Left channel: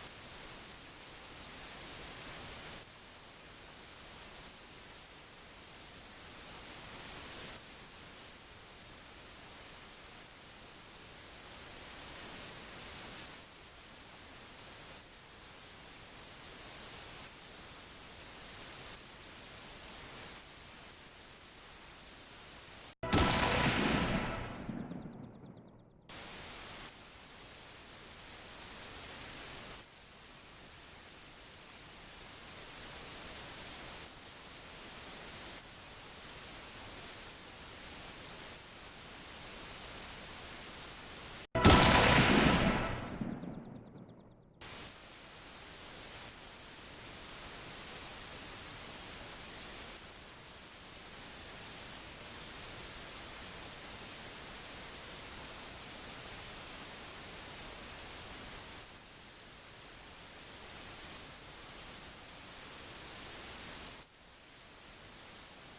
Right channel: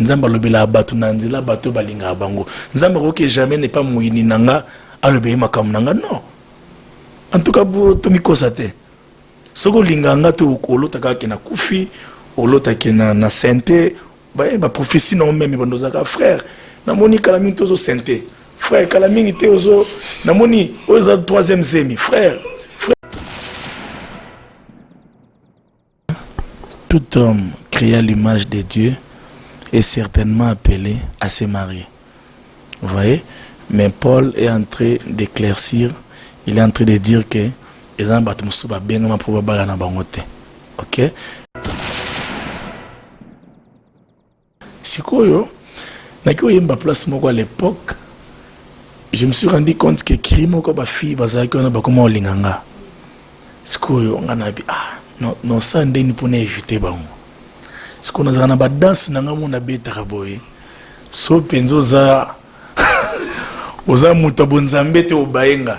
nzamba lobela bato na nzela bato balinga bango nzamba ko que jamais n'est pas moyini nanga alobe makam nanga non en tout cas to mikosa te soko linganga to olotaka ke na kufi olotaka na sente ba prophétie non même bandozaka frère na moni kalami tozo sente frère kalami te ozo na moni oza troisième zemi frère. Tout homme créé à l'image de Dieu est certainement appelé à se marier. Vous voyez? Mais Paul est en train d'éclaircir, il est en train de dire que les gens sont bien probablement na bangote. OK? Sikoyo, na ko yemba place moko à l'époque, je me suis rendu compte que crime ko ba fille bazaki na ba koma olinganga. Sikoyo ngana bi non ça ndeni pour éviter bango. Ce qu'on a na ba danse na ngamo na beta kaboye. So penzo za oza muto bonzambe te obayenga.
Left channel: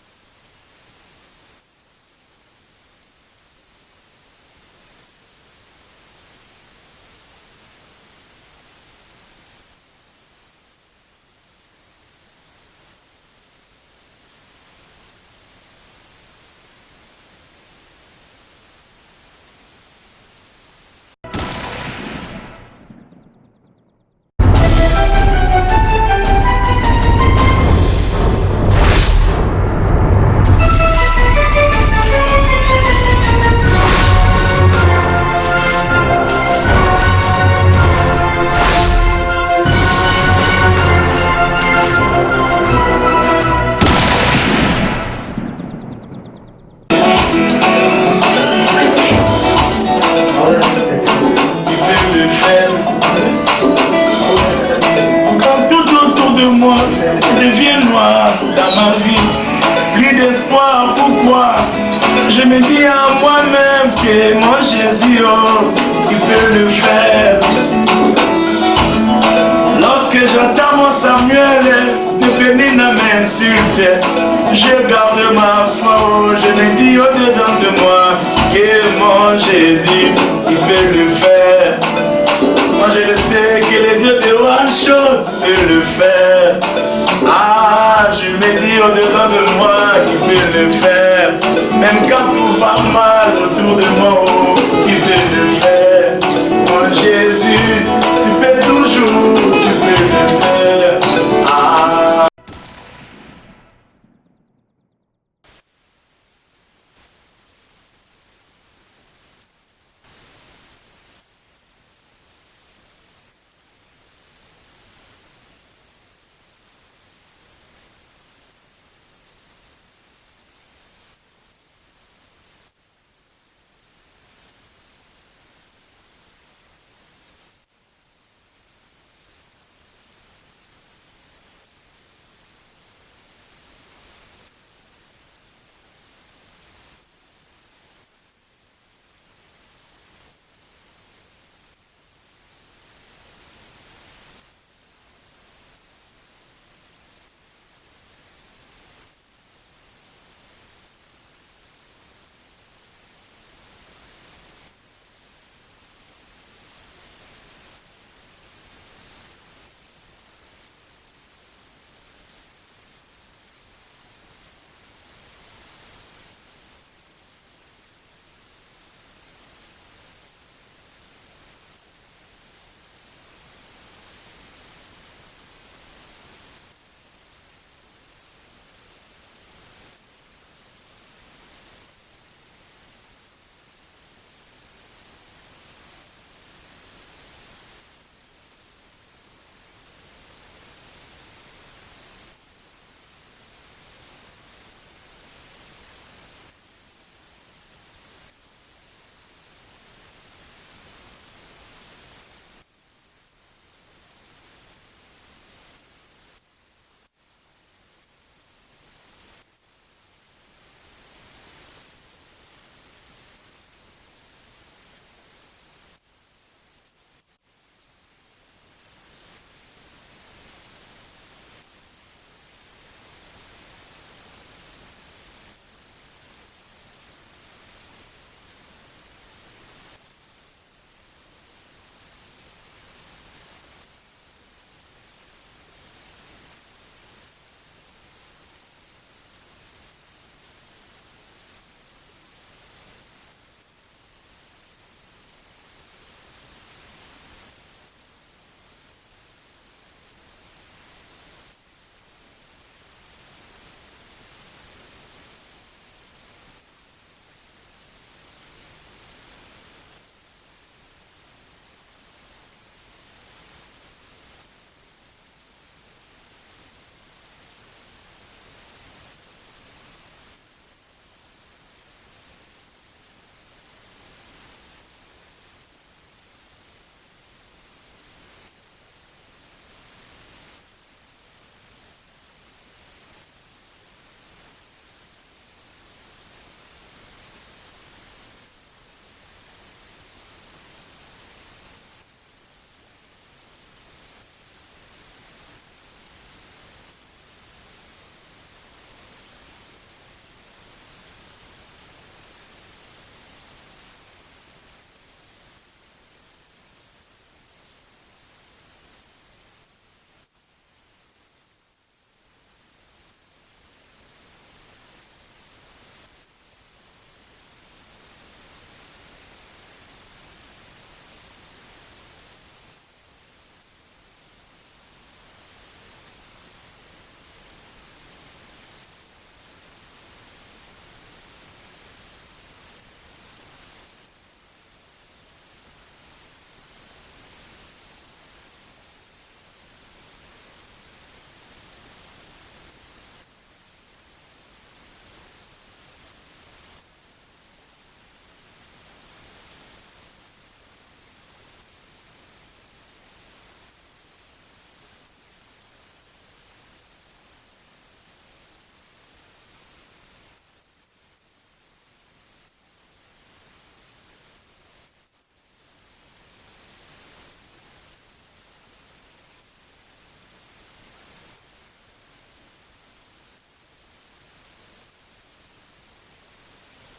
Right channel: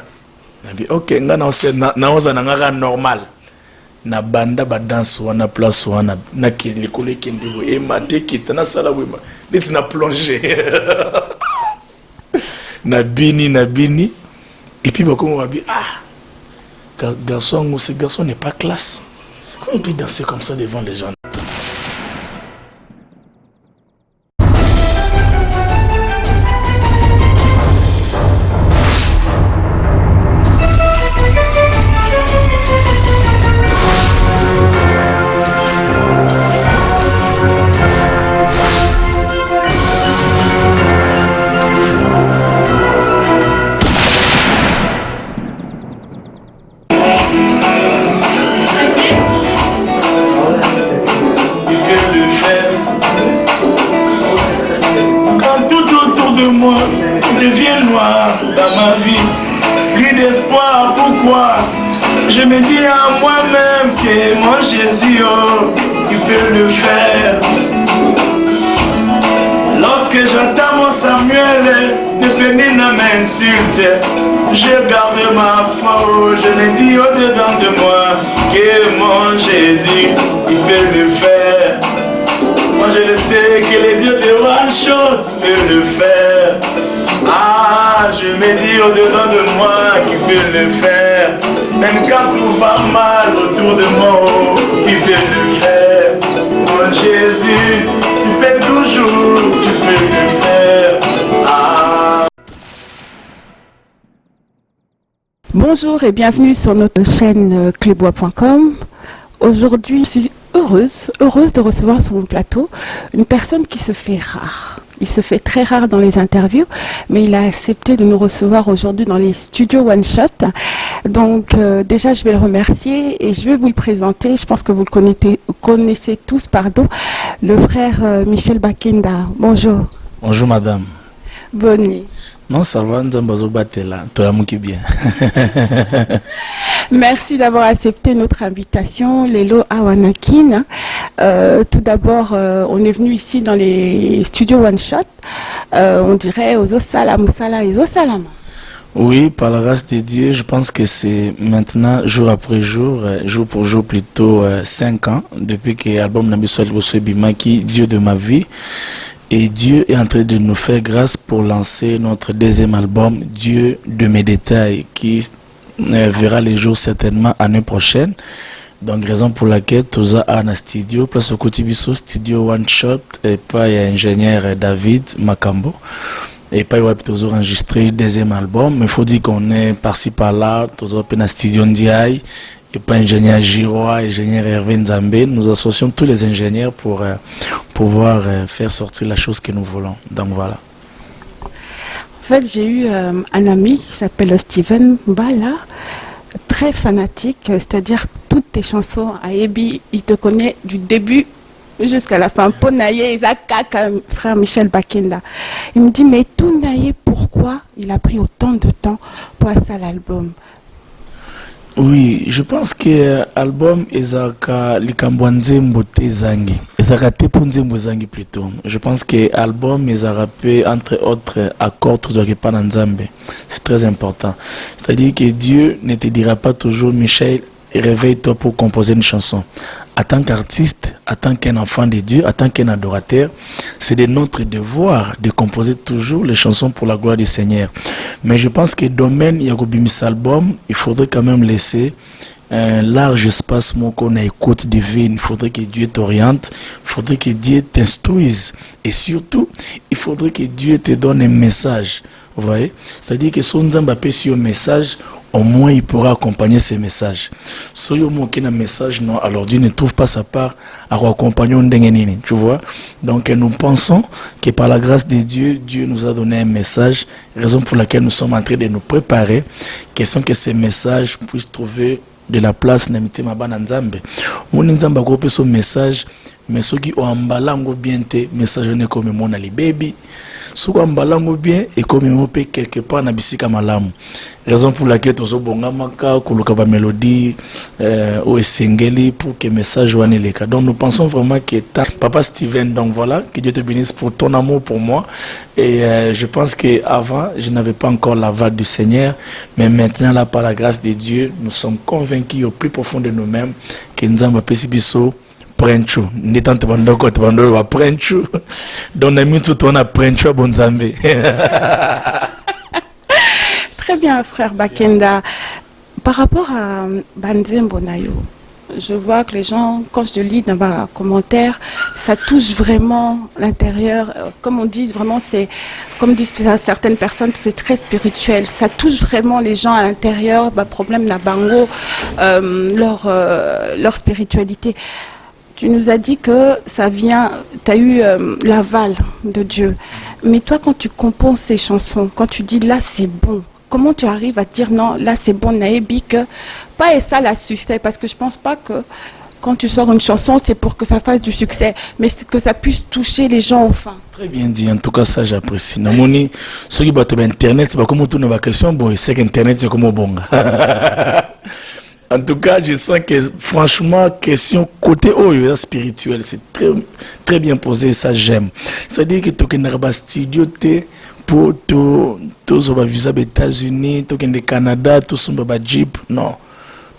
Nabi OK ngana ose na oza na ngaka normal. Na banda ba danse wana place wana na kili kole kindibo e mate kitana sala wema. Leti na plonger. na bini et puis ba comme on va dire garçon ce garçon n'est pas classe. Comment on peut danser comme ça devant les gens? Devient noir dans ma vie, plus d'espoir, pourquoi? Je me dis à moi-même que mon Jésus, oh, il peut le faire. Lorsque j'entends mon Samuel, ne peine à m'insulter, je garde ma foi, oh, je me dis au-dedans de moi que mon Jésus, il peut le faire. Moi je le sais que les dieux de One Shot peut le faire. Ah, je me dis au-dedans de moi qu'il peut le faire. Même quand tout va mal autour de moi, oh, il peut le faire. Mon Jésus, tu peux toujours, tu peux le faire. Ah. Bonjour et bienvenue sur notre chaîne clebois.com. Aujourd'hui, je suis heureuse de recevoir sur mon plateau une personne qui se fait rare. Il se fait très rare dans les interviews, mais il a accepté de nous recevoir aujourd'hui dans les studios One Shot. Donc déjà, je vais le remercier et je vais vous le présenter. Je pense que vous le connaissez tous, pardon, le frère Michel Bakenda. Bonjour. Bonjour madame. Bonne nuit. Non, ça va, nous batela, bien. Merci d'avoir accepté notre invitation, Lelo Awanakin. Tout d'abord, on est venu ici dans les studios One Shot. On dirait aux Osalam, Osalam. Oui, par la grâce de Dieu, je pense que c'est maintenant, jour après jour, jour pour jour, plutôt 5 ans, depuis que l'album Nabisol Bimaki, Dieu de ma vie. Et Dieu est en train de nous faire grâce pour lancer notre deuxième album, Dieu de mes détails, qui verra les jours certainement l'année prochaine. Donc, raison pour laquelle nous avons un studio, place au Kotibiso, studio One Shot, et pas ingénieur David Makambo. Et pas toujours enregistré le deuxième album, mais il faut dire qu'on est par-ci par-là, toujours un studio Ndiaye. Et pas ingénieur Giroa, ingénieur Hervé Nzambe, nous associons tous les ingénieurs pour pouvoir faire sortir la chose que nous voulons. Donc voilà. En fait, j'ai eu un ami qui s'appelle Steven Mbala, très fanatique, c'est-à-dire toutes tes chansons à Ebi, il te connaît du début jusqu'à la fin. Ponaye, Isaac, frère Michel Bakenda. Il me dit, mais tout Naye, pourquoi il a pris autant de temps pour ça l'album? Oui, je pense que l'album Ezaka Likambwanzembo Tezangi, Ezaka Tepunzembo Zangi plutôt. Je pense que l'album Ezaka peut, entre autres accords, c'est très important. C'est-à-dire que Dieu ne te dira pas toujours, Michel, réveille-toi pour composer une chanson. En tant qu'artiste, en tant qu'un enfant de Dieu, en tant qu'un adorateur, c'est de notre devoir de composer toujours les chansons pour la gloire du Seigneur. Mais je pense que domaine Yagobimis album, il faudrait quand même laisser un large espace qu'on a écoute divine. Il faudrait que Dieu t'oriente, il faudrait que Dieu t'instruise. Et surtout, il faudrait que Dieu te donne un message. Vous voyez? C'est-à-dire que si on a un message, au moins il pourra accompagner ces messages. Si il y a un message, non, alors Dieu ne trouve pas sa part à accompagner un dengenini, tu vois. Donc nous pensons que par la grâce de Dieu, Dieu nous a donné un message, raison pour laquelle nous sommes en train de nous préparer, question que ces messages puissent trouver de la place na mitema bana nzambe. Mon nzamba ko peso message, mais ceux qui ont embalango bien te message ne comme mon ali baby. Ceux qui ont embalango bien et comme on peut quelque part na bisika malamu. Raison pour laquelle tozo bonga maka kuluka ba mélodie au esengeli pour que message wane leka. Donc nous pensons vraiment que papa Steven, donc voilà, que Dieu te bénisse pour ton amour pour moi. Et je pense que avant je n'avais pas encore la vague du Seigneur, mais maintenant là par la grâce de Dieu, nous sommes convaincus au plus profond de nous-mêmes que Nzamba pesi biso prenchu. N'étant bandoko te bandoko va prenchu. Donc na mitu to na prenchu bonzambe. Très bien, frère Bakenda. Par rapport à Banzembo Nayo, je vois que les gens, quand je lis dans ma commentaire, ça touche vraiment l'intérieur. Comme on dit, vraiment, c'est, comme disent certaines personnes, c'est très spirituel. Ça touche vraiment les gens à l'intérieur, problème Nabango, leur spiritualité. Tu nous as dit que ça vient, tu as eu l'aval de Dieu. Mais toi, quand tu composes ces chansons, quand tu dis là, c'est bon, comment tu arrives à dire non, là c'est bon, Naébi, que pas et ça la succès, parce que je pense pas que quand tu sors une chanson, c'est pour que ça fasse du succès, mais que ça puisse toucher les gens au fond. Très bien dit, en tout cas ça j'apprécie. Namoni, ceux qui battent Internet, c'est pas comme tout ma question, bon, c'est qu'Internet c'est comme au bon. En tout cas, je sens que franchement, question côté spirituel, c'est très, très bien posé et ça j'aime. C'est-à-dire que tu as un studio pour tous les visas des États-Unis, tous les Canada, tous les Jeep. Non,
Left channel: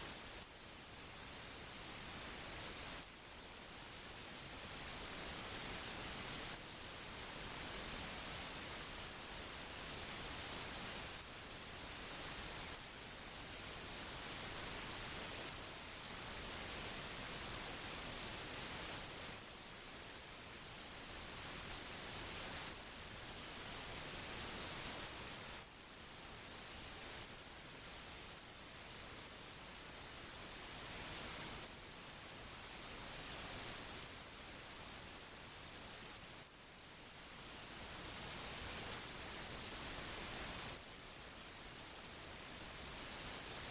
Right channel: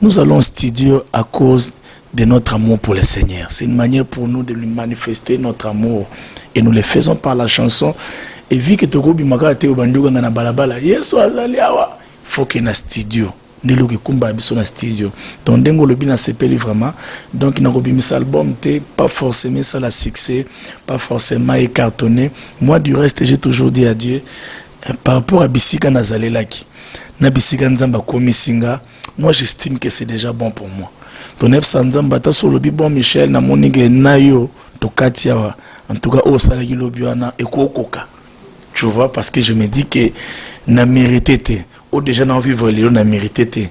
nous allons au studio à cause de notre amour pour le Seigneur. C'est une manière pour nous de lui manifester notre amour. Et nous le faisons par la chanson. Et vu que tu as il faut qu'il y ait un studio. Donc dengo le bina sepeli vraiment, donc il n'a pas album pas forcément ça la succès, pas forcément écartonné. Moi du reste j'ai toujours dit à Dieu par rapport à bisika nazalelaki na bisika nzamba komisinga, moi j'estime que c'est déjà bon pour moi. Ton epsa nzamba ta sur le bon Michel na moninge nayo to katia en tout cas au salaki lobiana et kokoka, tu vois, parce que je me dis que na mérité déjà dans vivre les on a mérité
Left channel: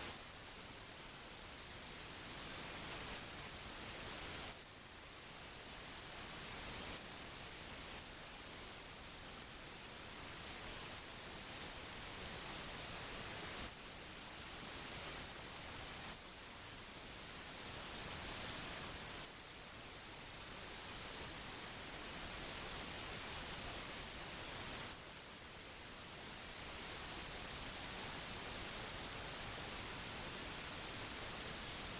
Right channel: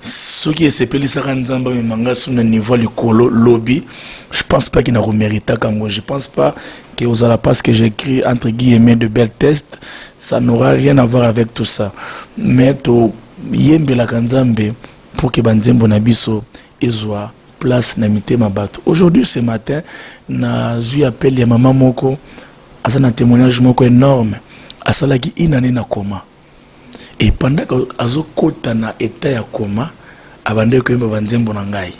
ce qui est s'appelle ça nzamba manga sur le niveau le colo lobby, je pense pas qu'il n'a mérité comme je pense pas que aux la passe que j'écris entre guillemets de belles tests, ça n'aura rien à voir avec tout ça, mais to yembe la kanzambe pour que banzembo na biso ezwa place na mitema bato. Aujourd'hui ce matin na eu appel ya maman moko asana témoignage moko énorme asalaki inane na koma. Et pendant qu'azo kota na état ya coma, abande ko yemba banzembo na ngai.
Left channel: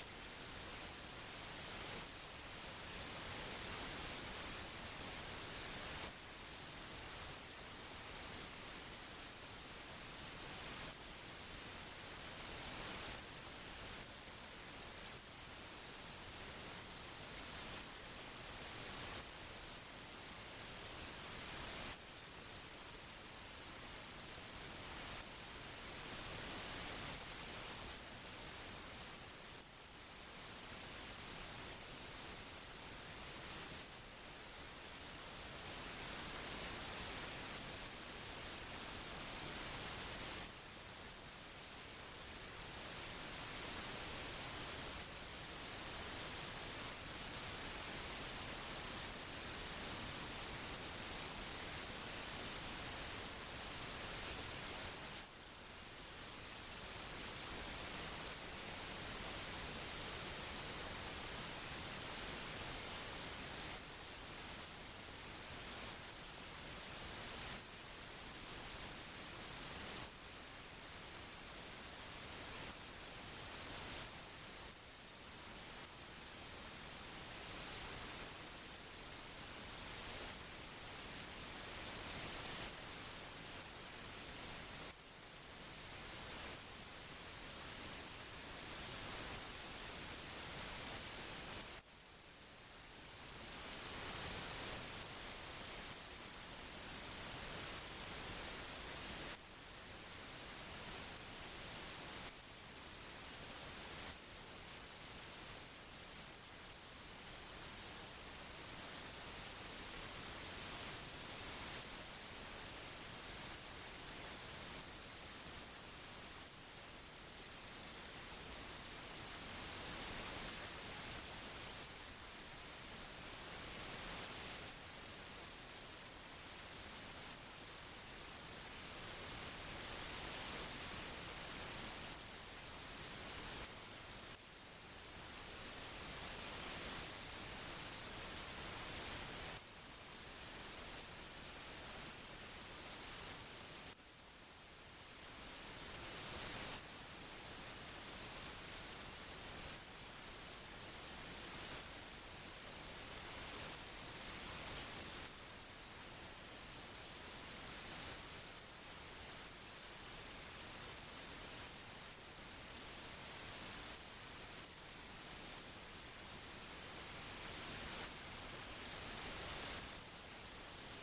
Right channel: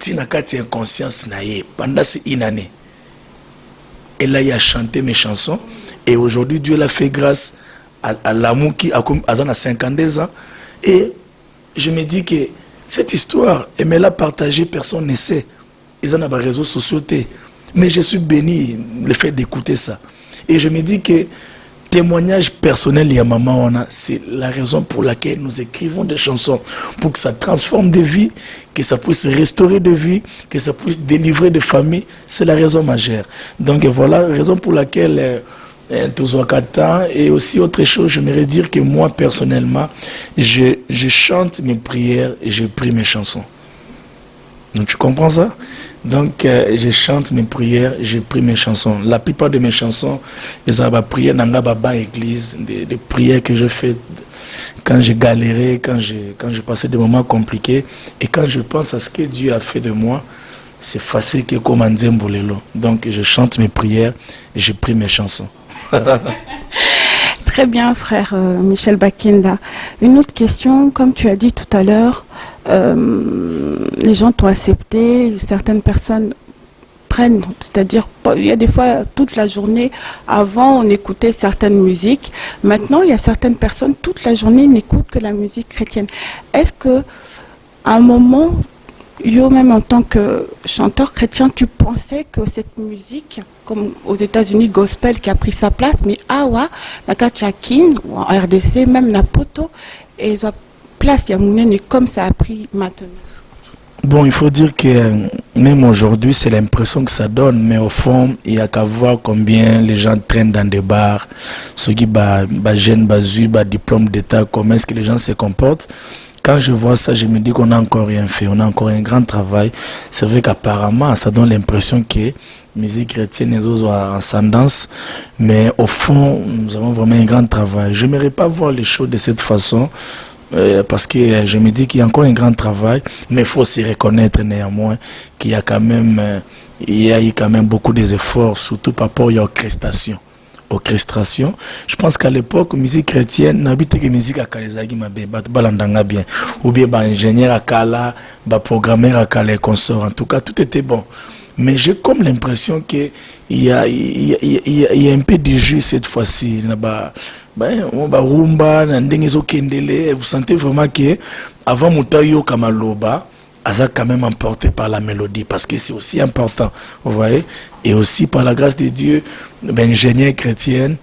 Tina kati inconscience na ye pendant une année. Elle a chanté mes chansons et aujourd'hui Dieu l'a fait grâce à l'amour qui a comme à 52 ans et je me dis que cette histoire elle me l'a partagée, personne ne sait. Ils en ont des réseaux sociaux mais je suis béni le fait d'écouter ça et je me dis que témoignage personnel et maman c'est la raison pour laquelle nous écrivons des chansons pour que ça transforme des vies, que ça puisse restaurer des vies, que ça puisse délivrer des familles, c'est la raison majeure. Donc voilà la raison pour laquelle et aussi autre chose, j'aimerais dire que moi personnellement je chante mes prières et je prie mes chansons. Donc tu comprends ça? Donc je chante mes prières, je prie mes chansons. La plupart de mes chansons, les prières dans la église, des prières que je fais quand j'ai galéré, quand j'ai passé des moments compliqués et quand je pense à ce que Dieu a fait de moi, c'est facile que comme un Nzembolelo. Donc je chante mes prières, je prie mes chansons. Très bien, frère Michel Bakenda. Une autre question, comme tu as dit tout à l'heure, les gens t'ont accepté, certaines personnes prennent, c'est-à-dire il y a des fois toute la journée, avant on écoutait certaines musiques, maintenant il y a certaines personnes toute la journée n'écoutent que la musique chrétienne. Est-ce que à un moment, yo même en tant que chanteur chrétien, tu pensais que cette musique, comme aux États-Unis gospel qui a pris sa place, mais awa, la Kachakin ou en RDC, même la poto, et ils ont place, il y a mounene comme ça a pris maintenant. Bon, il faut dire que même aujourd'hui, c'est l'impression que ça donne, mais au fond, il n'y a qu'à voir combien les gens traînent dans des bars, ceux qui jeunes, diplôme d'État, comment est-ce que les gens se comportent. Quand je vois ça, je me dis qu'on n'a encore rien fait, on a encore un grand travail. C'est vrai qu'apparemment, ça donne l'impression que la musique chrétienne est en ascendance, mais au fond, nous avons vraiment un grand travail. Je n'aimerais pas voir les choses de cette façon, parce que je me dis qu'il y a encore un grand travail, mais il faut se reconnaître néanmoins qu'il y a quand même, il y a eu quand même beaucoup d'efforts, surtout par rapport à l'orchestration. Orchestration. Je pense qu'à l'époque, musique chrétienne, n'habite que musique à Kalezagi Mabé, Balandanga bien, ou bien ingénieur à Kala, programmeur à Kala et consorts. En tout cas, tout était bon. Mais j'ai comme l'impression qu'il y a un peu de jus cette fois-ci. Rumba, vous sentez vraiment que avant Moutayo Kamaloba, Aza quand même emporté par la mélodie, parce que c'est aussi important, vous voyez, et aussi par la grâce de Dieu, ingénieur chrétien,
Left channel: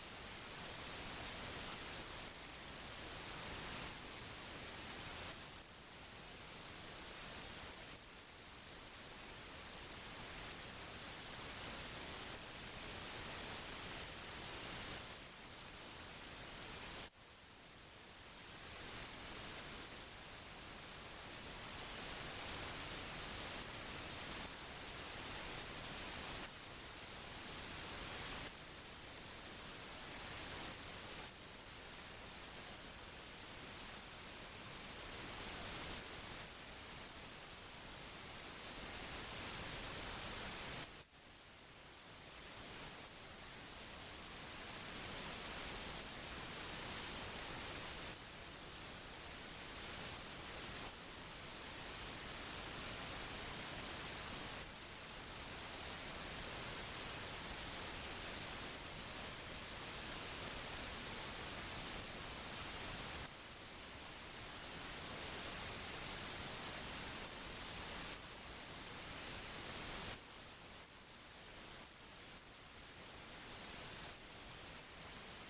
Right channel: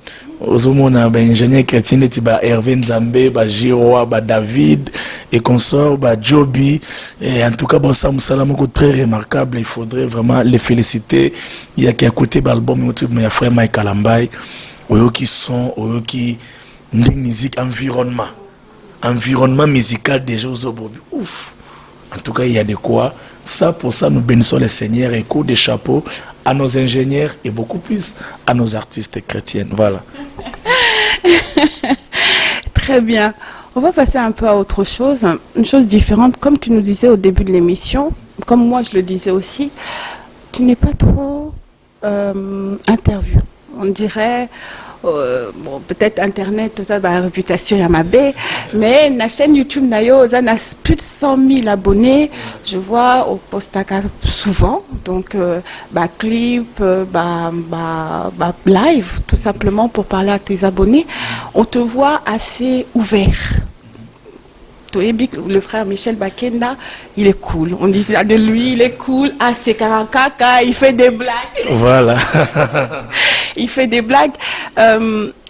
ingénieur chrétien, Hervé Nzambe, Giroa, David et consorts, Joby, et en tout cas, Sam Salamoko très remarquable, il faudrait vraiment les féliciter. Il y a qui a écouté l'album, il y a frère Mike Alambay, qui sont, qui musique environnement musical déjà aux ouf. En tout cas, il y a de quoi. Ça, pour ça, nous bénissons le Seigneur et coup de chapeau à nos ingénieurs et beaucoup plus à nos artistes chrétiens. Voilà. Très bien. On va passer un peu à autre chose, une chose différente. Comme tu nous disais au début de l'émission, comme moi je le disais aussi, tu n'es pas trop interview. On dirait... bon, peut-être internet, tout ça, la réputation y a ma baie, mais la chaîne YouTube Nayo, ça a plus de 100 000 abonnés. Je vois au postaka souvent, donc clip, live, tout simplement pour parler à tes abonnés. On te voit assez ouvert. Le frère Michel Bakenda, il est cool. On dit de lui, il est cool. Ah, c'est Karakaka, il fait des blagues. Voilà. Il fait des blagues.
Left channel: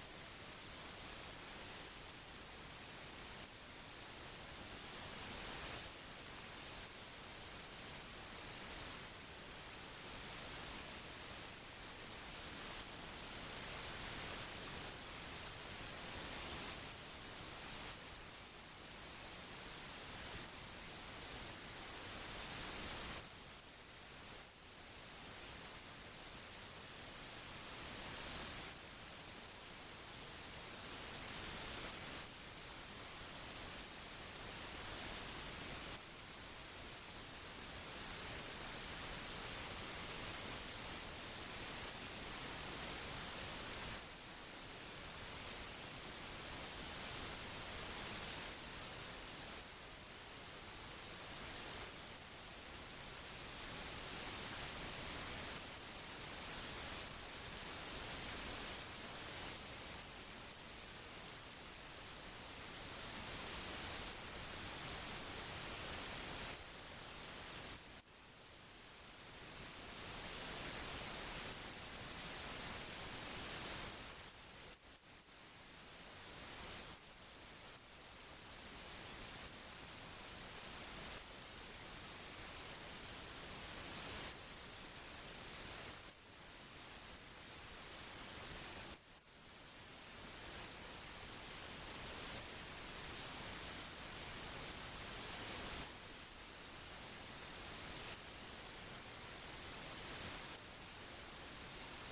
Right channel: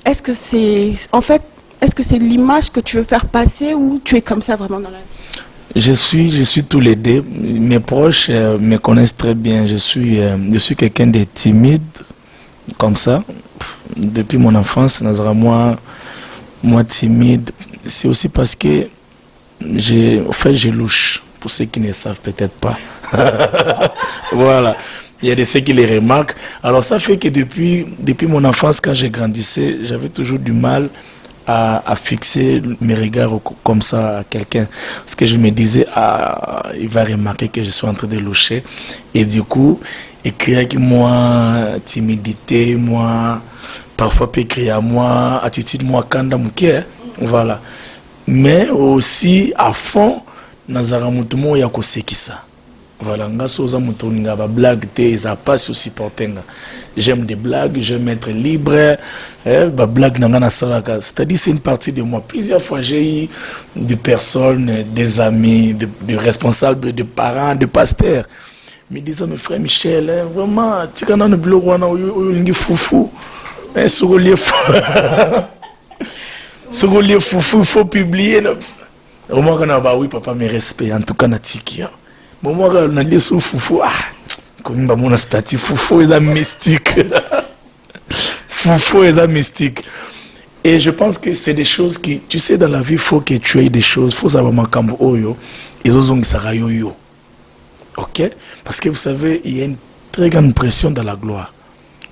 Est-ce que c'est, en fait, est-ce que c'est l'image que tu veux faire passer ou tu es comme ça vraiment dans la vie? Je suis tous les deux. Mes proches me connaissent très bien. Je suis quelqu'un de timide, comme ça. Depuis mon enfance, moi timide. C'est aussi parce que je louche, pour ceux qui ne savent peut-être pas. Voilà. Il y a de ceux qui les remarquent. Alors ça fait que depuis mon enfance, quand j'ai grandissé, j'avais toujours du mal à fixer mes regards comme ça à quelqu'un. Parce que je me disais, il va remarquer que je suis en train de loucher. Et du coup, écrire que moi, timidité, moi, parfois peut écrire à moi, attitude, moi, kanda mouké, voilà. Mais aussi à fond nazara mutumo ya kosekisa voilà ngasoza mutoninga ba blague te za passe aussi portenga. J'aime des blagues, j'aime être libre, ba blague nanga na salaka, c'est-à-dire c'est une partie de moi. Plusieurs fois j'ai eu des personnes, des amis, des responsables, des parents, des pasteurs me disant mes frères Michel, vraiment tikana no biloko wana olingi foufou sur le ce qu'on lit foufou, il faut publier. Au moins, oui, papa, mes respects, en tout cas, Natiki. Au moins, on a lu sur foufou. Comme mon statut, foufou est un mystique. Foufou est un mystique. Et je pense que c'est des choses qui, tu sais, dans la vie, il faut que tu aies des choses. Il faut savoir makambo oyo. Et zozong sarayo yo. Ok? Parce que vous savez, il y a une très grande pression dans la gloire.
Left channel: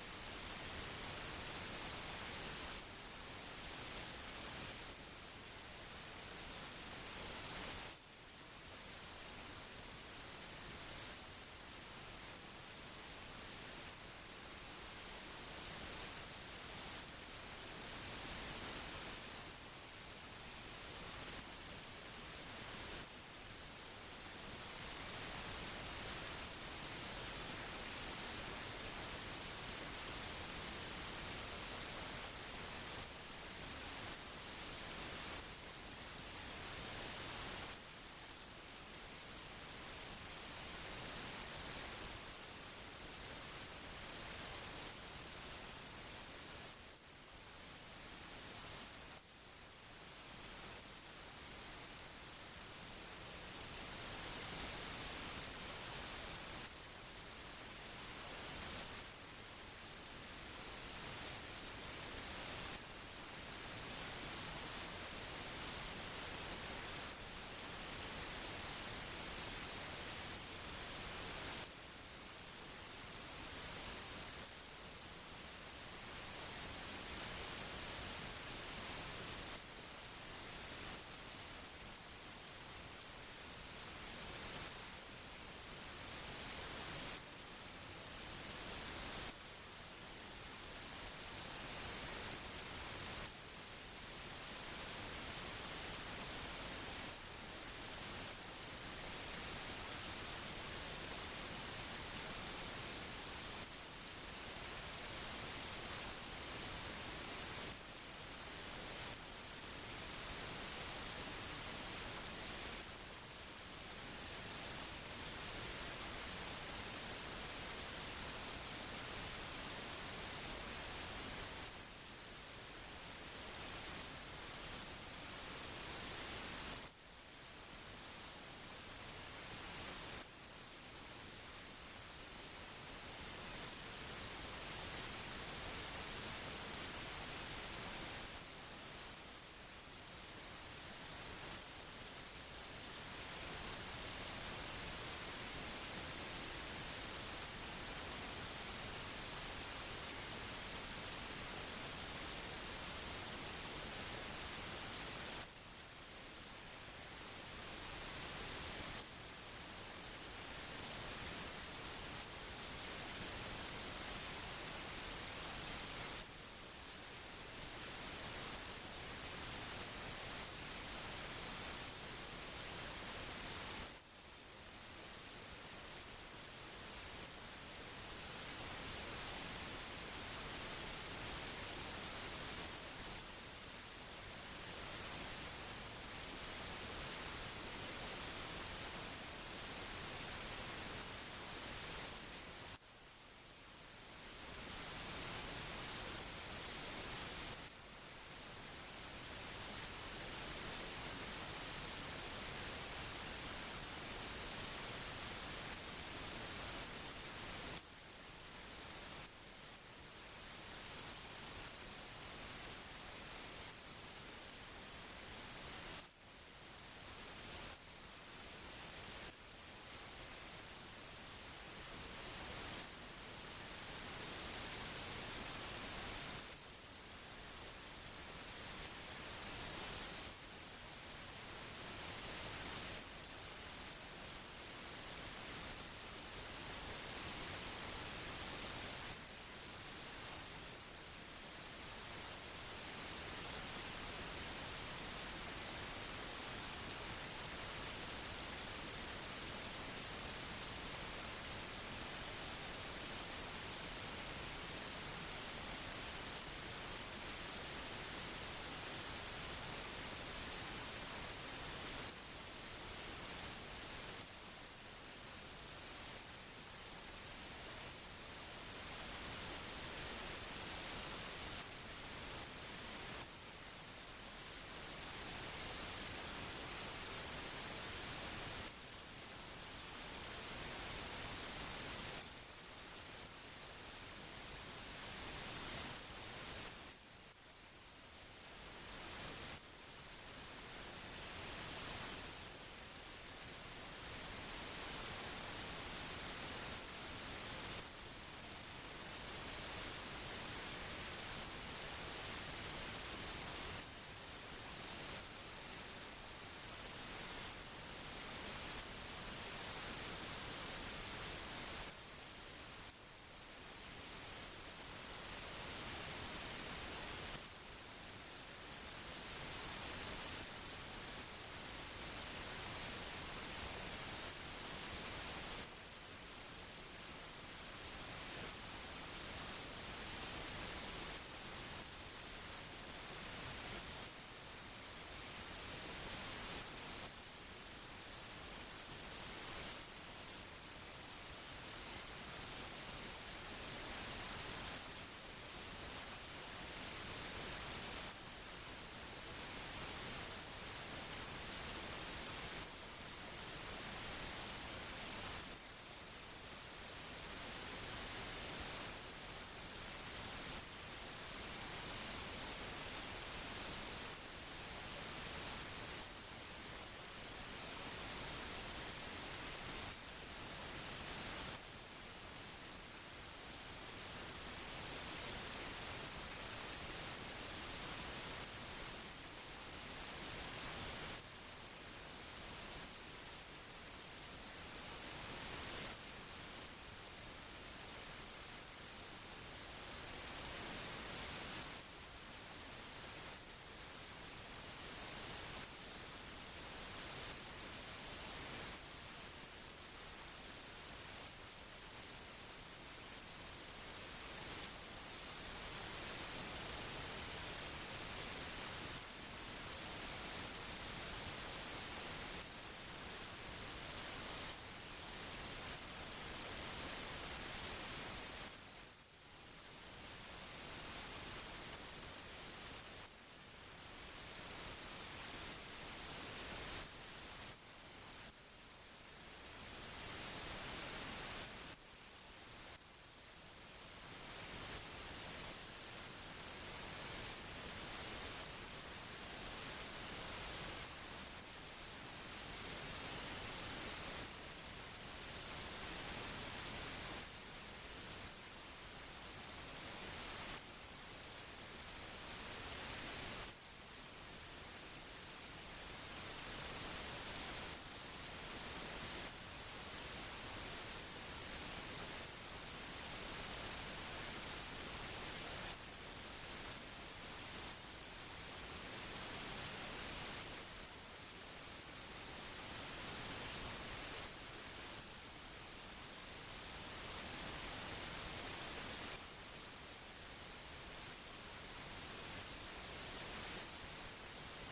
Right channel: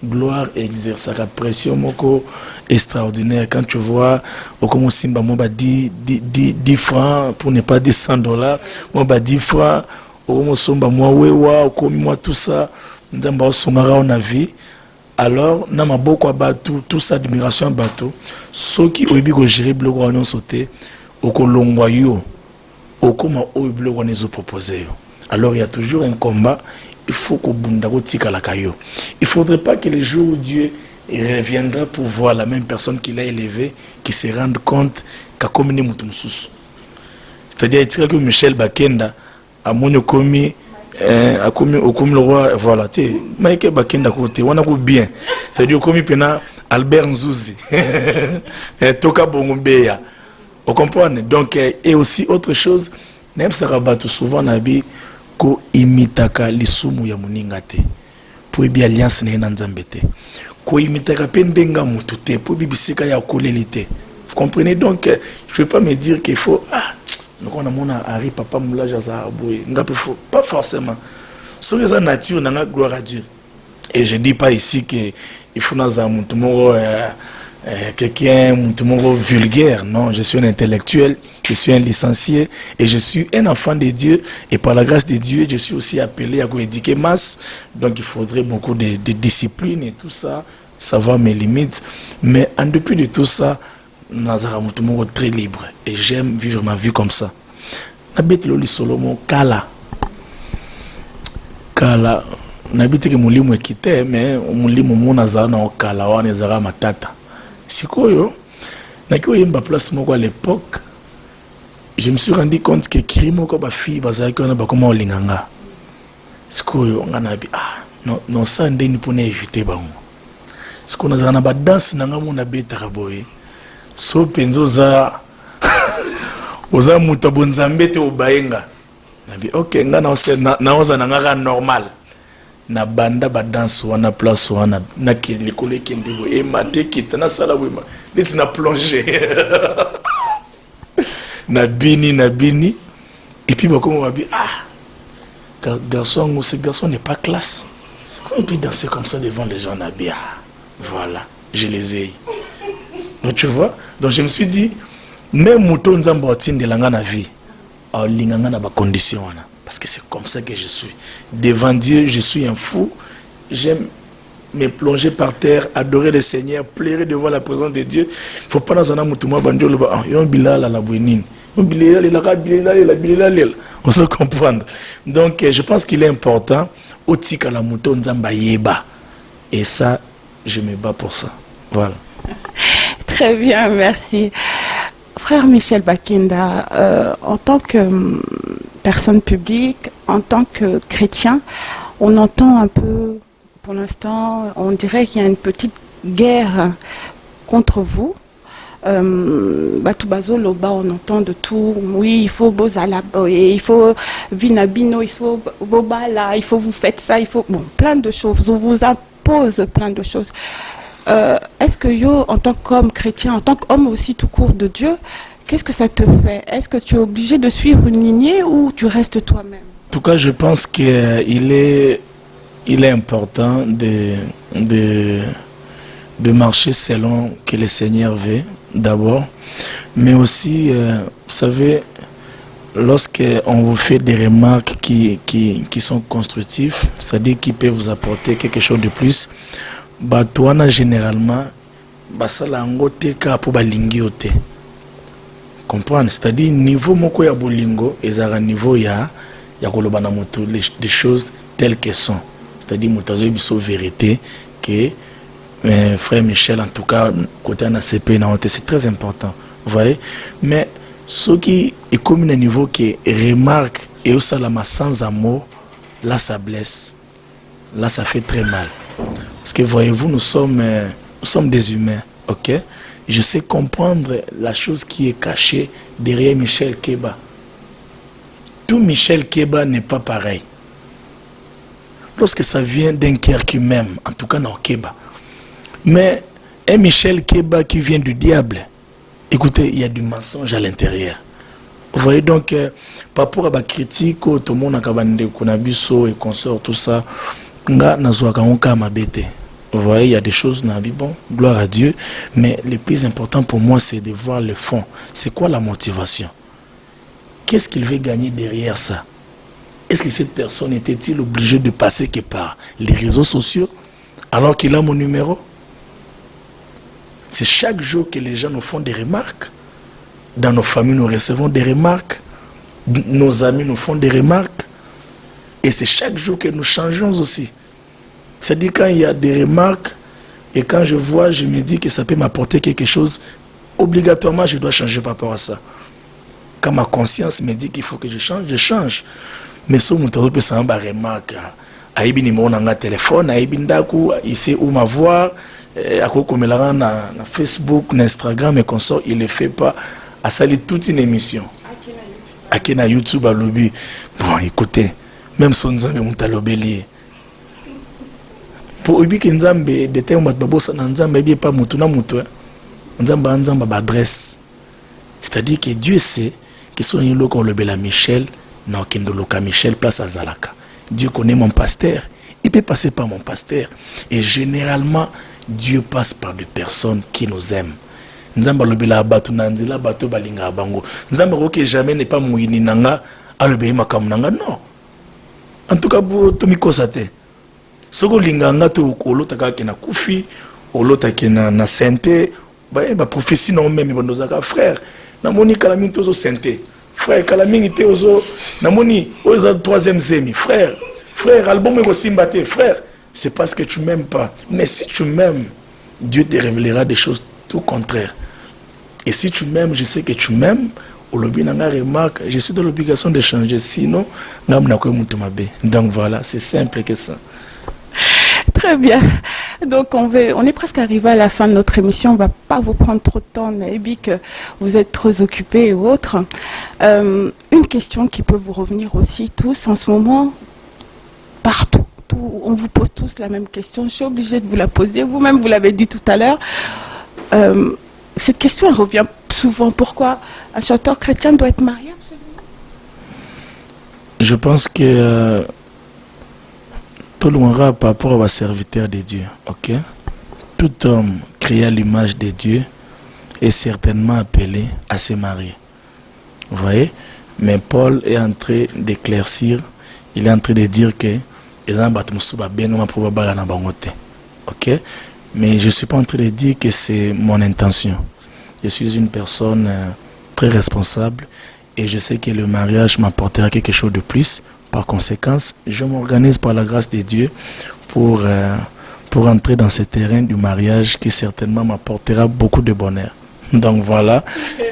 Gloire exerce la pression moko extraordinaire. Quand tu vois au comment Simba moi 10 francs pour ne pas dire $100, moi 10 francs au comment somba moi wewa au comme moi tout ça ndamba somara on a vie. Alors na maboko abatu tout ça admiration abatu ceux qui oyebi ko gérer bloc on sauté au kolongwa yo au comment au bloc on les proposer. Alors il y a toujours un combat. il faut qu'au bundako tika la kayo. Il faudrait pas que les jours où Dieu reviendra pour voir la même personne qu'il a élevée, qui se rende compte qu'a commis mutumsus. C'est-à-dire que Michel Bakenda a mon commis a commis au comme le roi voilà tu Michael Bakenda côté on a bien. C'est-à-dire commis pena Albert Nzouzi Toka Bongombeya. Vous comprenez? Donc et aussi autre chose, même ça rabat souvent nabi ko imitaka lisumu ya muninga te. Pour bien alliance na nzambe te. Ko imitaka pendenga mutu te pour bibisika ya kolelite. Vous comprenez? Donc je ne vais pas me dire qu'il faut donc on a mon Harry papa moula jaza boy pas forcément. Sur les nature n'a gloire à Dieu. Et je dis pas ici que il faut dans un quelqu'un vulgaire. Non, je suis un intellectuel, je suis un licencié et je suis un enfant de Dieu. Et par la grâce de Dieu, je suis aussi appelé à éduquer masse. Donc il faudrait beaucoup de discipline et tout ça, savoir mes limites. Mais en dépit de tout ça, Nazara Moutoumoro très libre. Et j'aime vivre ma vie comme ça. Nabete Loli Solomon, Kala. Kala. Nabete que Moulimu est quitté, mais Moulimu Mounazara na Kala, ou Nezara Matata. Sikoyo, Naki Oyemba place moko à l'époque, je me suis rendu compte que Kirimo ko ba fille bazaki on a ba comment olinganga. Sikoyo on a bi non ça ndeni pour éviter bango. Sikoyo nazara na ba danse nanga mona beta boye. So penzo za oza muto bonzambe te obayenga. Nabi OK na oza nanga normal. Na banda ba danse wana place wana na likole kendebo e mate kitana sala wema lesi na plonger na bini et puis bah comment on va dire garçon ce garçon n'est pas classe, comment on peut danser comme ça devant les gens na bien voilà je les ai donc tu vois, donc je me suis dit même mouton nzamba otinde langa na vie a linganga na ba condition wana. Parce que c'est comme ça que je suis. Devant Dieu, je suis un fou. J'aime me plonger par terre, adorer le Seigneur, pleurer devant la présence de Dieu. Il ne faut pas dans un amour banjo le ba. Yon bilal la bouinine. Yon bilal la. On se comprendre. Donc je pense qu'il est important otik à la mouton nzamba yeba. Et ça, je me bats pour ça. Voilà. Très bien, merci. Frère Michel Bakenda, en tant que personne publique, en tant que chrétien, on entend un peu, pour l'instant, on dirait qu'il y a une petite guerre contre vous. Batubazo Loba, on entend de tout. Oui, il faut Bozala, il faut Vinabino, il faut Bobala, il faut vous faites ça, il faut plein de choses. On vous impose plein de choses. Est-ce que yo, en tant qu'homme chrétien, en tant qu'homme aussi tout court de Dieu, qu'est-ce que ça te fait? Est-ce que tu es obligé de suivre une lignée ou tu restes toi-même? En tout cas, je pense qu'il est important de marcher selon que le Seigneur veut, d'abord. Mais aussi, vous savez, lorsqu'on vous fait des remarques qui sont constructives, c'est-à-dire qui peuvent vous apporter quelque chose de plus, Batouana généralement, basala ngote ka pour balingi ote. Comprendre, c'est-à-dire niveau moko ya bolingo ezara niveau ya koloba na moto des choses telles qu'elles sont. C'est-à-dire motazo biso vérité que frère Michel en tout cas côté na CP na honte, c'est très important. Vous voyez? Mais ce qui est comme un niveau qui remarque et au salama sans amour, là ça blesse. Là ça fait très mal. Parce que voyez-vous, nous sommes des humains, ok? Je sais comprendre la chose qui est cachée derrière Michel Keba. Tout Michel Keba n'est pas pareil. Lorsque ça vient d'un cœur qui m'aime, en tout cas non Keba. Mais un Michel Keba qui vient du diable, écoutez, il y a du mensonge à l'intérieur. Vous voyez donc, par rapport à la critique, tout le monde a et consort, tout ça. Vous voyez, il y a des choses, bon, gloire à Dieu, mais le plus important pour moi, c'est de voir le fond. C'est quoi la motivation? Qu'est-ce qu'il veut gagner derrière ça? Est-ce que cette personne était-il obligée de passer que par les réseaux sociaux alors qu'il a mon numéro? C'est chaque jour que les gens nous font des remarques. Dans nos familles, nous recevons des remarques. Nos amis nous font des remarques. Et c'est chaque jour que nous changeons aussi. C'est-à-dire quand il y a des remarques, et quand je vois, je me dis que ça peut m'apporter quelque chose, obligatoirement, je dois changer par rapport à ça. Quand ma conscience me dit qu'il faut que je change. Mais si on peut s'en bas remarque, aïbi ni mon téléphone, aïbi ndaku, il sait où m'avoir, à quoi comme na Facebook, na Instagram et consort, il ne fait pas. À salir toute une émission. À qui na YouTube à lobby. Bon, écoutez, même son nzambe mutalobeli. Pour ubi ki nzambe de terme babosa na nzambe bien pas mutu na mutu. Nzamba ba adresse. C'est-à-dire que Dieu sait que son yelo ko lobela Michel na okendo loka Michel place à Zalaka. Dieu connaît mon pasteur, il peut passer par mon pasteur et généralement Dieu passe par des personnes qui nous aiment. Nzamba lobela batu na nzela batu balinga bango. Nzamba roke jamais n'est pas mouini nanga alobe makamu nanga non. En tout cas bo tomikosa te. Soko linganga to olota ka na kufi, olota na na sente, ba prophétie non même bondozaka frère. Na moni kalami tozo sente. Frère kalami te ozo na moni oza troisième zemi frère. Frère album ko simbate frère, c'est parce que tu m'aimes pas. Mais si tu m'aimes, Dieu te révélera des choses tout contraires. Et si tu m'aimes, je sais que tu m'aimes. Remarque, je suis dans l'obligation de changer. Sinon, donc voilà, c'est simple que ça. Très bien. Donc on est presque arrivé à la fin de notre émission. On ne va pas vous prendre trop de temps, Naïbi, que vous êtes trop occupés et autres. Une question qui peut vous revenir aussi tous en ce moment, partout. On vous pose tous la même question. Je suis obligée de vous la poser. Vous-même, vous l'avez dit tout à l'heure. Cette question elle revient souvent. Pourquoi un chanteur chrétien doit être marié absolument? Je pense que tout le monde par rapport à serviteur de Dieu. Ok? Tout homme créé à l'image de Dieu est certainement appelé à se marier. Vous voyez? Mais Paul est en train d'éclaircir, il est en train de dire que ok? Mais je ne suis pas en train de dire que c'est mon intention. Je suis une personne très responsable et je sais que le mariage m'apportera quelque chose de plus. Par conséquent, je m'organise par la grâce de Dieu pour entrer dans ce terrain du mariage qui certainement m'apportera beaucoup de bonheur. Donc voilà,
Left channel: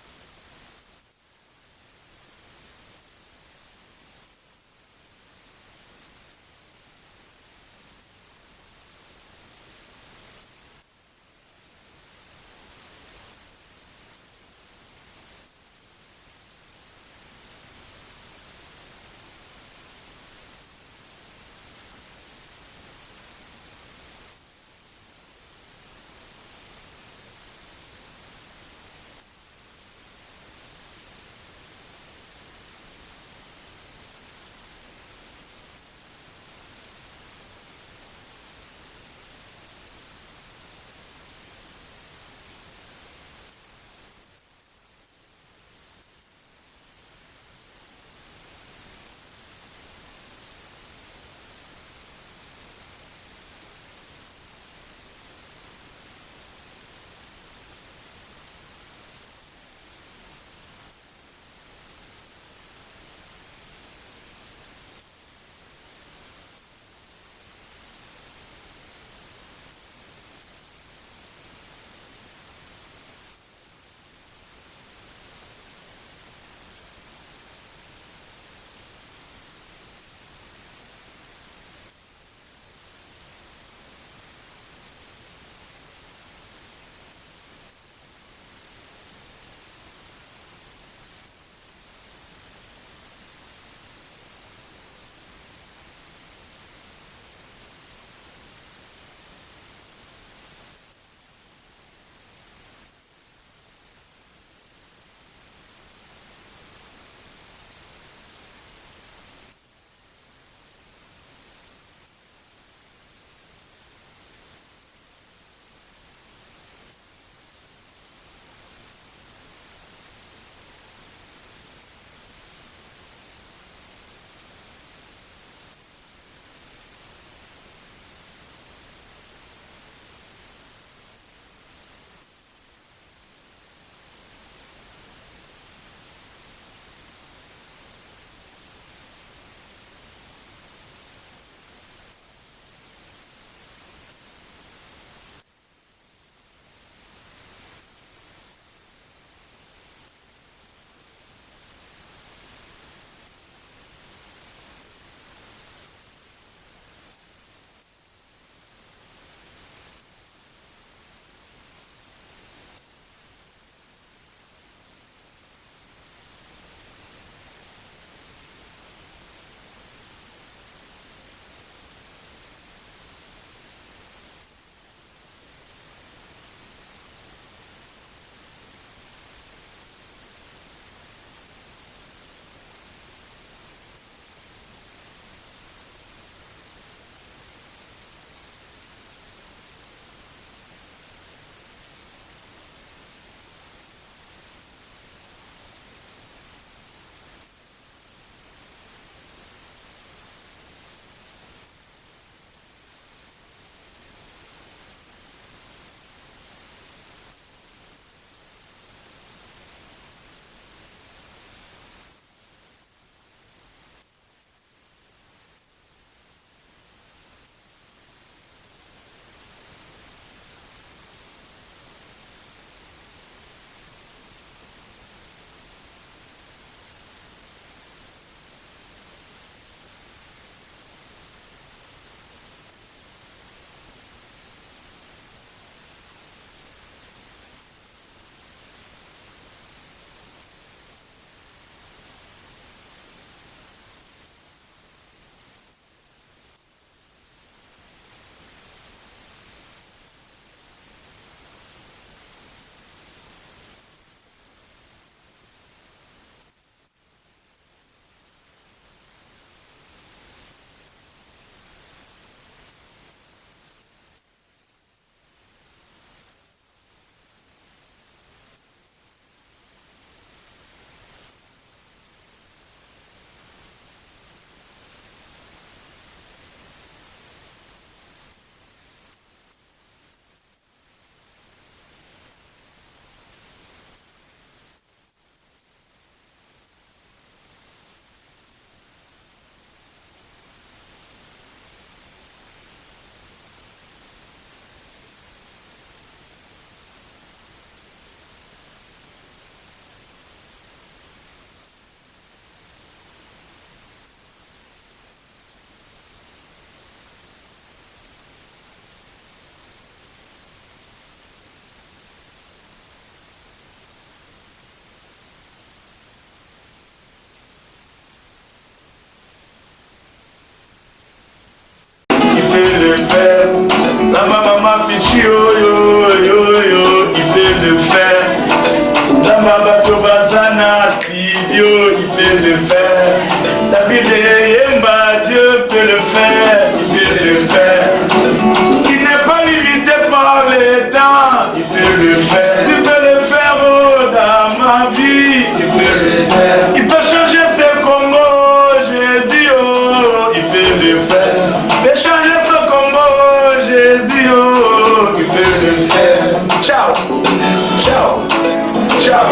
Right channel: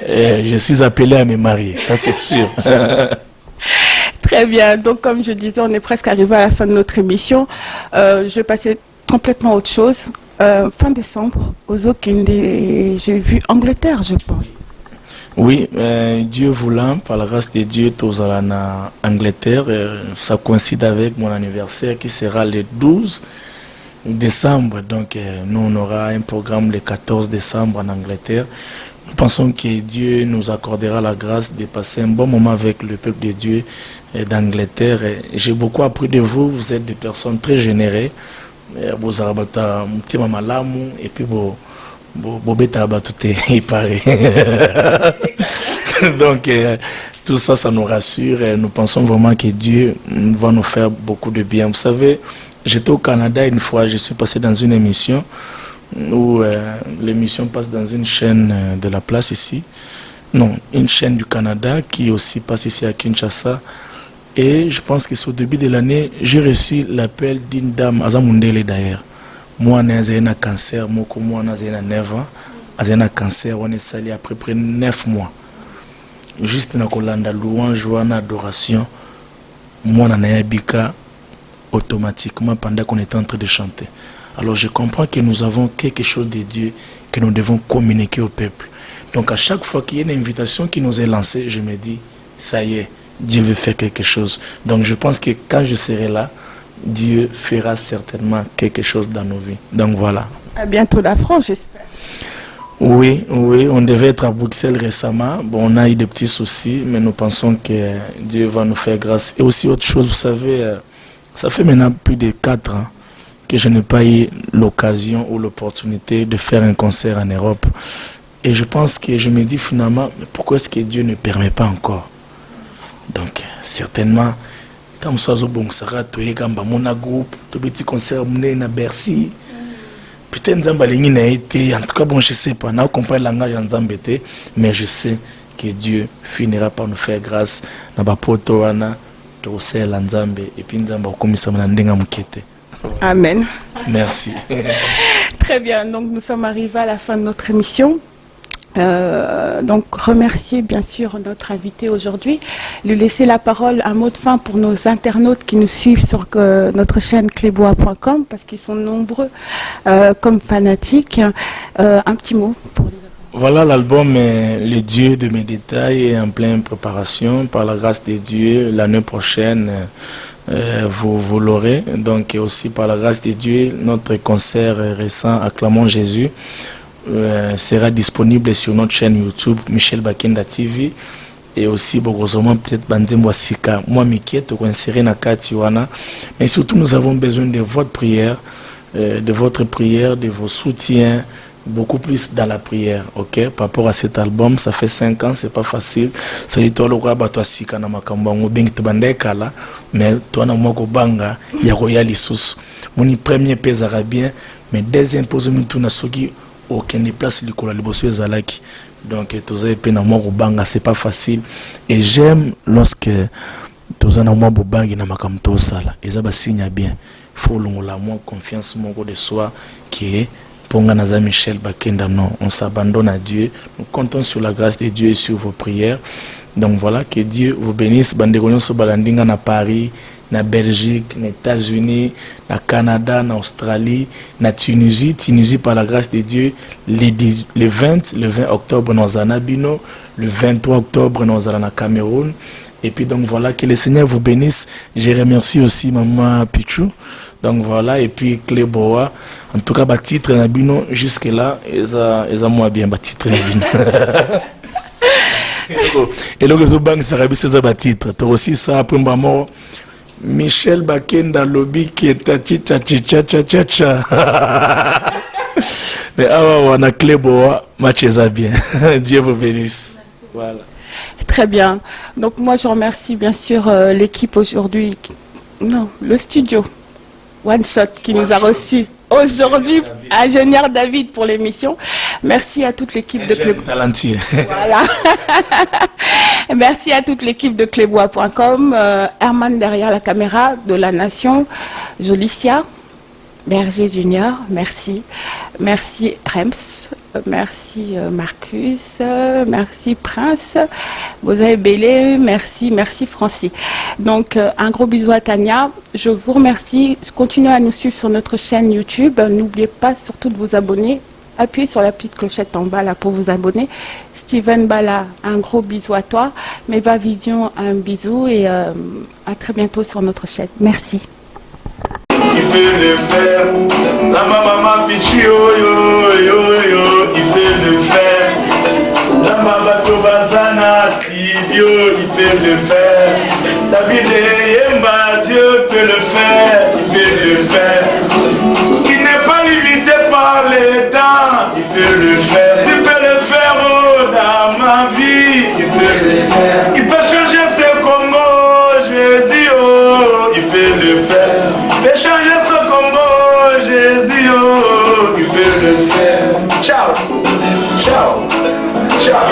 je suis appelé à me marier, ça c'est sûr. Très bien, donc comme je disais, on est presque arrivé à la fin de notre émission. Je vais passer complètement à autre chose. Fin décembre, aux Okende, j'ai vu Angleterre, je pense. Oui, Dieu voulant, par la grâce de Dieu, tous allons en Angleterre. Ça coïncide avec mon anniversaire qui sera le 12 décembre. Donc, nous, on aura un programme le 14 décembre en Angleterre. Nous pensons que Dieu nous accordera la grâce de passer un bon moment avec le peuple de Dieu d'Angleterre. J'ai beaucoup appris de vous. Vous êtes des personnes très généreuses. Vous avez et puis vous donc tout ça, ça nous rassure et nous pensons vraiment que Dieu va nous faire beaucoup de bien. Vous savez, j'étais au Canada une fois, je suis passé dans une émission où l'émission passe dans une chaîne de la place ici. Non, une chaîne du Canada qui aussi passe ici à Kinshasa. Et je pense que c'est au début de l'année, j'ai reçu l'appel d'une dame, Azamundele d'ailleurs. Moi, j'ai un cancer, moi, j'ai 9 ans. J'ai un cancer, on est salé à peu près 9 mois. Juste dans la louange, en adoration, moi, on a bika automatiquement pendant qu'on était en train de chanter. Alors je comprends que nous avons quelque chose de Dieu que nous devons communiquer au peuple. Donc à chaque fois qu'il y a une invitation qui nous est lancée, je me dis, ça y est, Dieu veut faire quelque chose. Donc je pense que quand je serai là, Dieu fera certainement quelque chose dans nos vies. Donc voilà. À bientôt la France, j'espère. Oui, on devait être à Bruxelles récemment. Bon, on a eu des petits soucis, mais nous pensons que Dieu va nous faire grâce. Et aussi autre chose, vous savez, ça fait maintenant plus de 4 ans que je n'ai pas eu l'occasion ou l'opportunité de faire un concert en Europe. Et je pense que je me dis finalement, pourquoi est-ce que Dieu ne permet pas encore? Donc, certainement, quand je suis bon, ça va être un groupe, un petit concert à Bercy. Peut-être en tout cas, bon, je ne sais pas, on comprend le langage en Zambété, mais je sais que Dieu finira par nous faire grâce. tokosala nzambe epi nzambe akomisama na ndenga mokete. Amen. Merci. Très bien, donc nous sommes arrivés à la fin de notre émission. Donc remercier bien sûr notre invité aujourd'hui, lui laisser la parole, un mot de fin pour nos internautes qui nous suivent sur notre chaîne clébois.com parce qu'ils sont nombreux comme fanatiques. Un petit mot pour les internautes. Voilà, l'album Le Dieu de mes détails est en pleine préparation. Par la grâce de Dieu, l'année prochaine, vous l'aurez. Donc aussi par la grâce de Dieu, notre concert récent Acclamons Jésus sera disponible sur notre chaîne YouTube Michel Bakenda TV et aussi Bogozoma peut-être Bandembo Sika. Moi m'inquiète qu'on insérer na Katiwana, mais surtout nous avons besoin de votre prière, de votre prière, de vos soutiens, beaucoup plus dans la prière, ok? Par rapport à cet album, ça fait 5 ans, c'est pas facile. Ça dit toi le roi bato Sika na makamba ngo bengi tubandeka là, mais toi na moko banga ya royal lisusu. Mon premier pèse bien, mais deuxième pose mutu na soki aucun déplace le cola liboso ezalaki. Donc tous les peine moi banga c'est pas facile et j'aime lorsque tous en moi bobangi na makamto sala eza ba signe bien. Il faut longola moi confiance mon de soi qui est Ponga Naza Michel Bakenda. Non, on s'abandonne à Dieu. Nous comptons sur la grâce de Dieu et sur vos prières. Donc voilà, que Dieu vous bénisse. Bandegonion so balandinga na Paris, na Belgique, na États-Unis, na Canada, na Australie, na Tunisie. Tunisie par la grâce de Dieu, le 20 octobre nous allons à Bino, le 23 octobre nous allons à Cameroun. Et puis donc voilà, que le Seigneur vous bénisse. Je remercie aussi maman Pichou. Donc voilà, et puis Cléboa. En tout cas, le titre na Bino jusque là, ils ont moins bien le titre na Bino. Et donc les banques sera bien ce titre. Toi aussi ça après mort. Michel Bakenda lobby qui est cha. Mais on a Cléboa, match ça bien. Dieu vous bénisse. Voilà. Très bien. Donc moi je remercie bien sûr l'équipe aujourd'hui, non, le studio One Shot qui nous a reçus aujourd'hui, ingénieur David pour l'émission. Merci à toute l'équipe de Clébois. Talentueux. Voilà. Merci à toute l'équipe de Clébois.com, Herman derrière la caméra de La Nation, Jolicia, Berger Junior, merci. Merci Rems, merci Marcus, merci Prince, vous avez Bélé, merci Francis. Donc un gros bisou à Tania, je vous remercie, continuez à nous suivre sur notre chaîne YouTube, n'oubliez pas surtout de vous abonner, appuyez sur la petite clochette en bas là pour vous abonner. Steven Bala, un gros bisou à toi, Meva Vision, un bisou et à très bientôt sur notre chaîne. Merci. Il peut le faire. La maman Pichi, il peut le faire. La maman Tobazana, Studio, il peut le faire. David Yemba, Dieu peut le faire, il peut le faire. Il n'est pas limité par les temps, il peut le faire. Il peut le faire dans ma vie, il peut le faire. Il peut changer ce Congo, Jésus, il peut le faire. Il peut changer ce Congo, Jésus, il peut le faire. Ciao, ciao, ciao,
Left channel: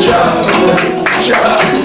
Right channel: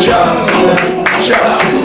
ciao, ciao.